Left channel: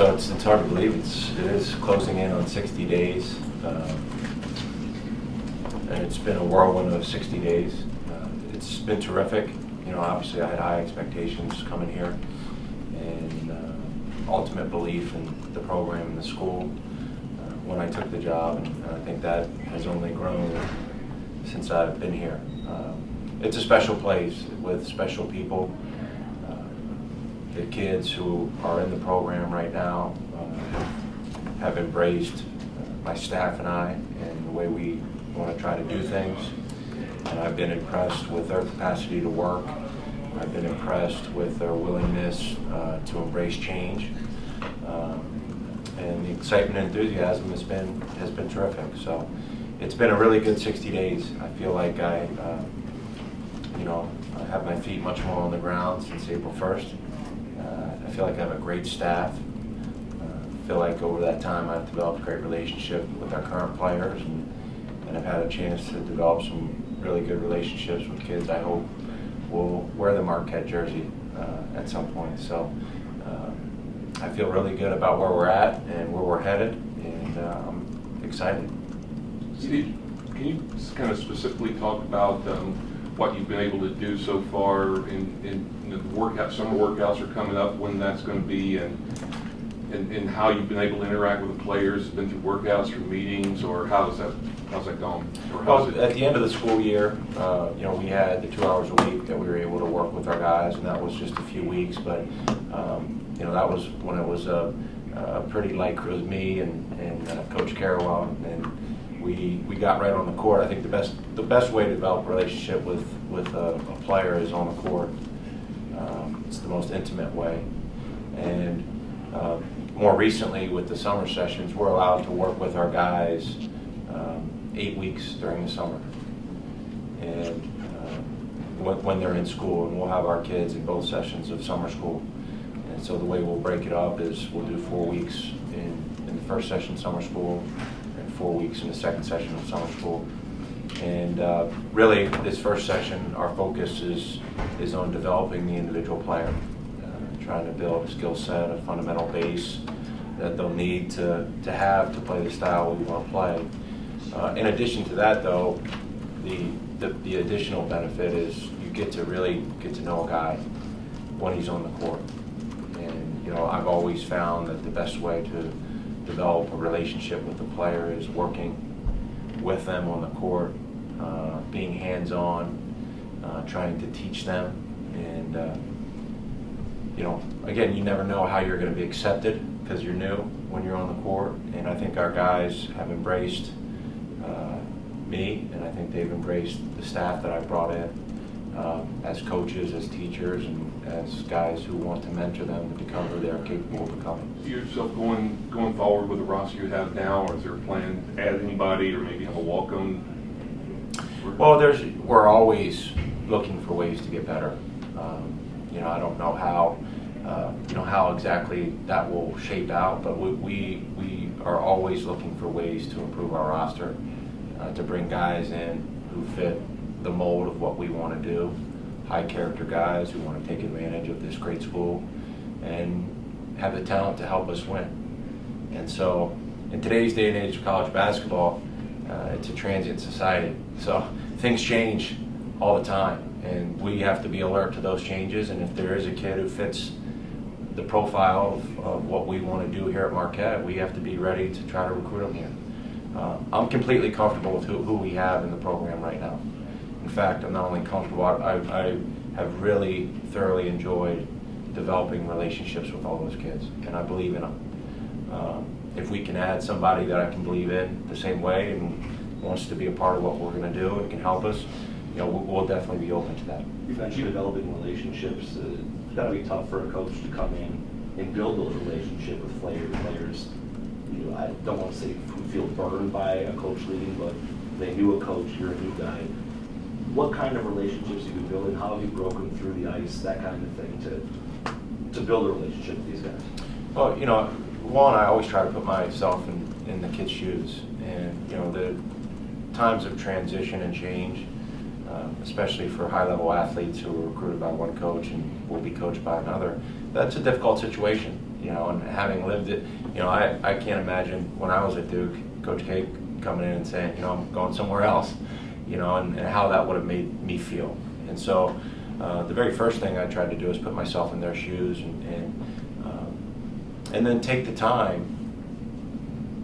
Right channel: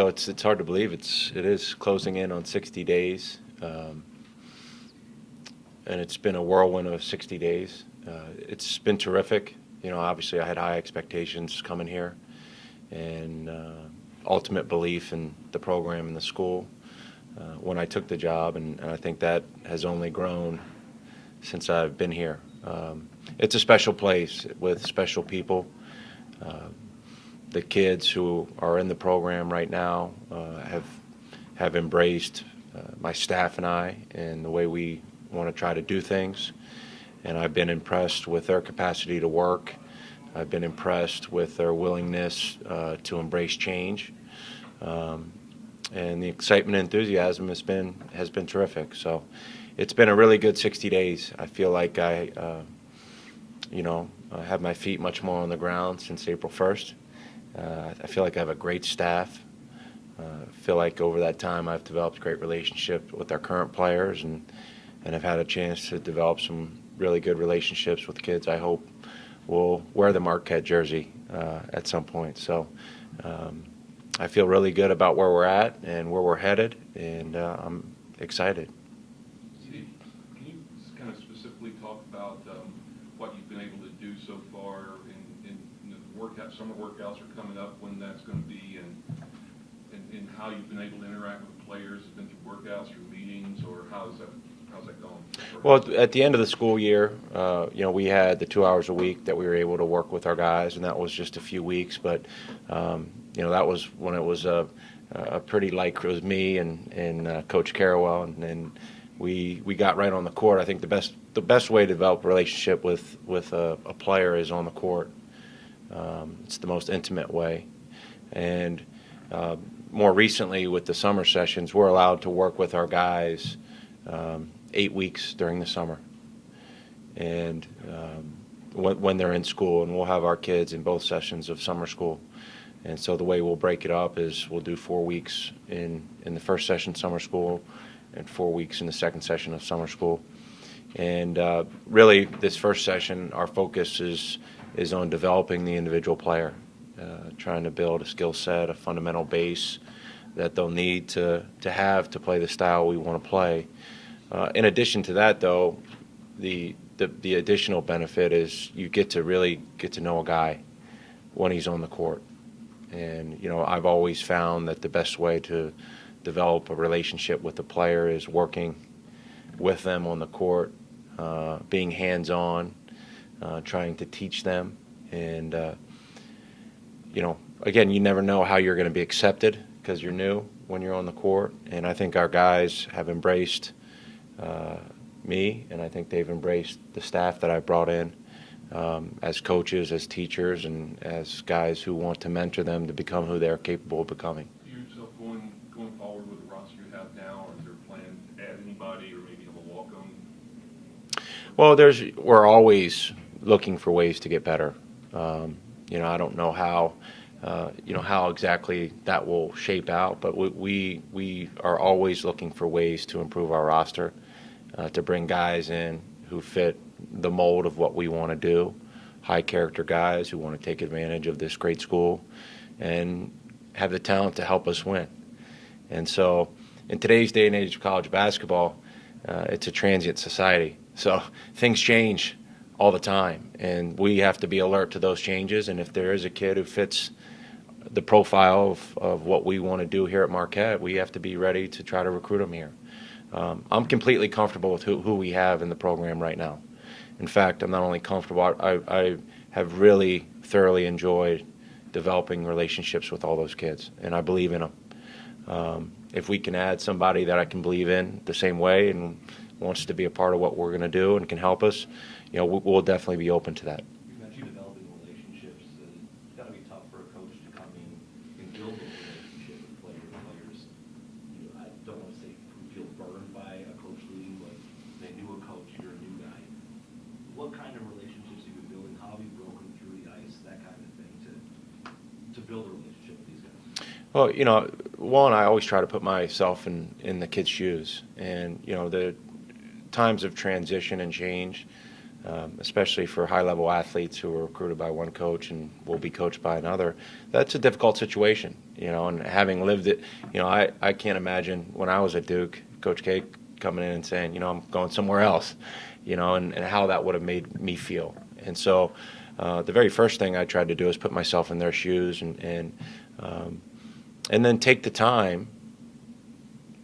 So it's hard to believe it is closing in on 60 days, and it's been a whirlwind of 60 days. It's been terrific. You know, obviously I had high expectations coming here, and ultimate belief in the program and the school when I took the job, and I think that has only grown since I've been here. It's a special place with special people. The kids who are in the program right now have embraced my staff and I and the way we want to try to do things. And I've been impressed with their capacity to work. I've been impressed with their willingness to embrace change. And the excitement and enthusiasm has been terrific. So it's been a really good 60 days. I feel like I have my feet much more on the ground since April 1st. I feel like I have a great staff. I feel like over that time I've developed a great relationship with our current players, and I've had a chance to develop some really good relationships with kids I hope will wear the Marquette jersey at some point. So I feel really good about where we're at and where we're headed, and I'm excited. Steve, can you kind of specifically talk about what you've been able to do so far in the workout? Summer workouts are coming up, when that's going to be, and how you've been able to interact with the players. Been through workouts, through meetings, or how's that going? Well, at the end of the school year, we had the 2 hours a week that we were able to work with our guys, and that was just a few weeks. But that was when it was a pretty light crew. It was me and Coach Carrawell, and we got right on the court. I think the best way to develop a relationship with a player is on the court. It's the most intimate way. And more recently with the summer sessions, we're allowed to work with our guys 8 weeks during the summer, and when they're in school, and we'll have our kids in both sessions of summer school. And so the way we'll break it up is we'll do 4 weeks in the first session summer school, and 4 weeks in the second session of summer school. And really, this first session, our focus is on developing the individual player, trying to build a skill set, a fundamental base that they'll need to have to play the style we want to play. In addition to that, though, the additional benefit is you get to really get to know a guy when he's on the court. And I've always found that the best way to develop a relationship with the player is working with them on the court, being hands-on, trying to teach them. And again, you never know how you're going to be accepted because you're new when you're on the court. And I think our guys have embraced me, and I think they've embraced the staff that I brought in as coaches, as teachers, and as guys who want to mentor them to become who they're capable of becoming. Do you yourself going forward with the roster you have now, or is there a plan to add anybody, or maybe have a walk-on? Well, we're always looking for ways to get better. I don't know how exactly that will shape out, but we are always looking for ways to improve our roster, to bring guys in who fit the mold of what we want to do, high character guys who want to take advantage of this great school and have the talent to help us win. And so in today's day and age of college basketball, it's a transient society. So things change all the time, and we have to be alert to those changes. And if there is a kid who fits the profile of what we want to do here at Marquette, we have to be ready to try to recruit him here. I'm completely comfortable with who we have in the program right now. In fact, I'm not only comfortable, I have really thoroughly enjoyed developing relationships with all those kids, and I believe in them. If we can add somebody that I can believe in the same way and wants to be a part of what we're going to do and can help us, we'll definitely be open to that. You've mentioned developing relationships. It's got to be tough for a coach to come in and build a relationship with players. I don't want to say who feel burned by a coach leaving, but they knew a coach, you're a new guy. What kind of relationships have you built, and how have you broken through the ice, that kind of thing, to build a relationship with these guys? Well, one, I always try to put myself in the kids' shoes, and the times of transition and change, especially for high-level athletes who are recruited by one coach and will be coached by another. That's a difficult situation, you know, and having lived it, you know, I can't imagine when I was at Duke, Coach K coming in and saying, you know, I'm going somewhere else, you know, and how that would have made me feel. And so the very first thing I tried to do is put myself in their shoes and then take the time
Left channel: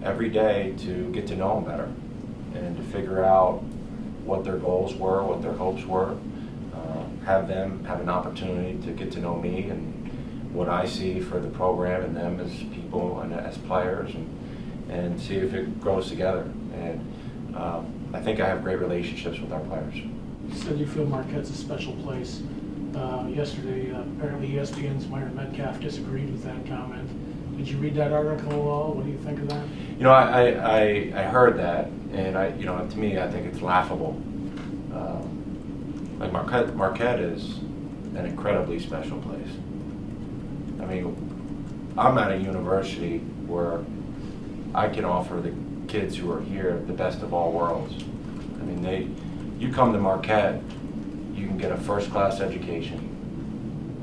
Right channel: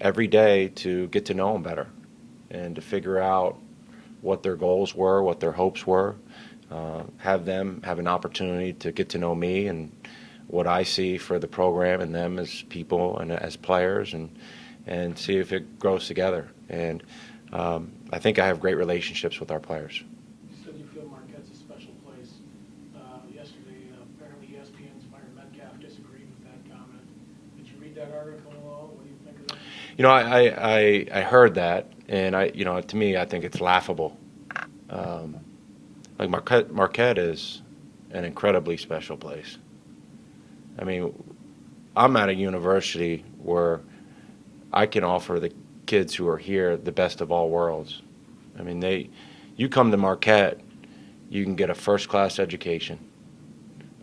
every day to get to know them better and to figure out what their goals were, what their hopes were, have them have an opportunity to get to know me and what I see for the program and them as people and as players, and see if it grows together. And I think I have great relationships with our players. You said you feel Marquette's a special place. Yesterday, apparently ESPN's Myron Metcalf disagreed with that comment. Did you read that article at all? What do you think of that? You know, I heard that, and you know, to me, I think it's laughable. Like Marquette is an incredibly special place. I mean, I'm at a university where I can offer the kids who are here the best of all worlds. I mean, you come to Marquette, you can get a first-class education,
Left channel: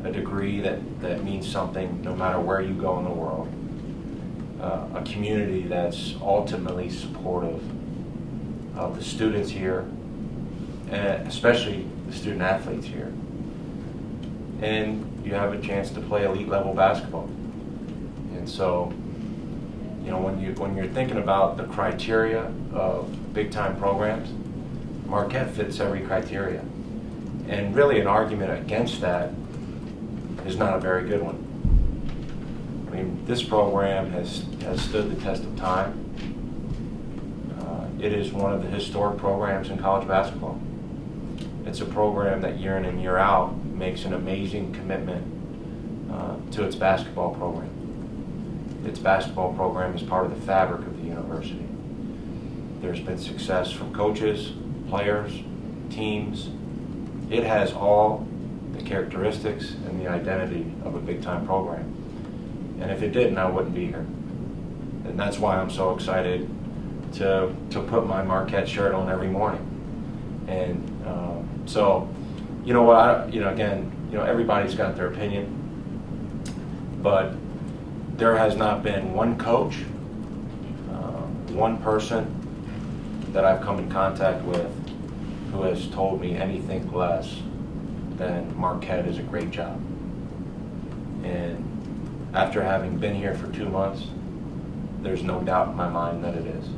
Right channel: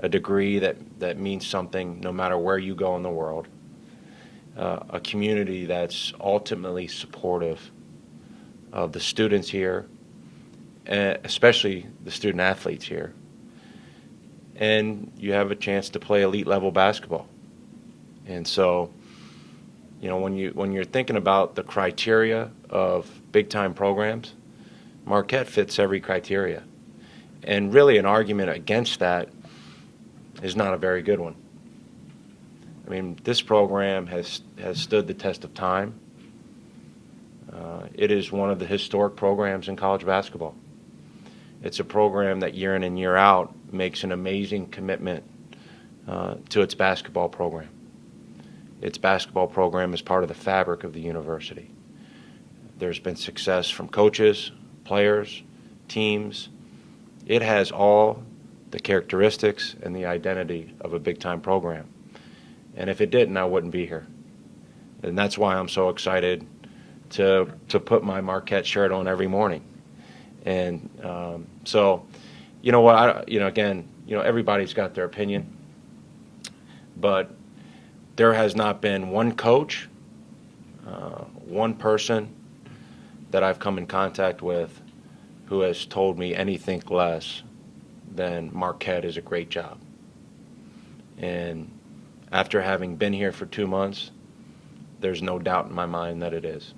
a degree that means something no matter where you go in the world, a community that's ultimately supportive of the students here, and especially the student athletes here. And you have a chance to play elite level basketball. And so, you know, when you're thinking about the criteria of big time programs, Marquette fits every criteria. And really an argument against that is not a very good one. I mean, this program has stood the test of time. It is one of the historic programs in college basketball. It's a program that year in and year out makes an amazing commitment to its basketball program. Its basketball program is part of the fabric of the university. There's been success from coaches, players, teams. It has all the characteristics and the identity of a big-time program. And if it didn't, I wouldn't be here. And that's why I'm so excited to put my Marquette shirt on every morning. And so, you know what? Again, everybody's got their opinion, but there has not been one coach, one person that I've come in contact with who has told me anything less than Marquette is a great job. And after having been here for 2 months, there's no doubt in my mind that it is.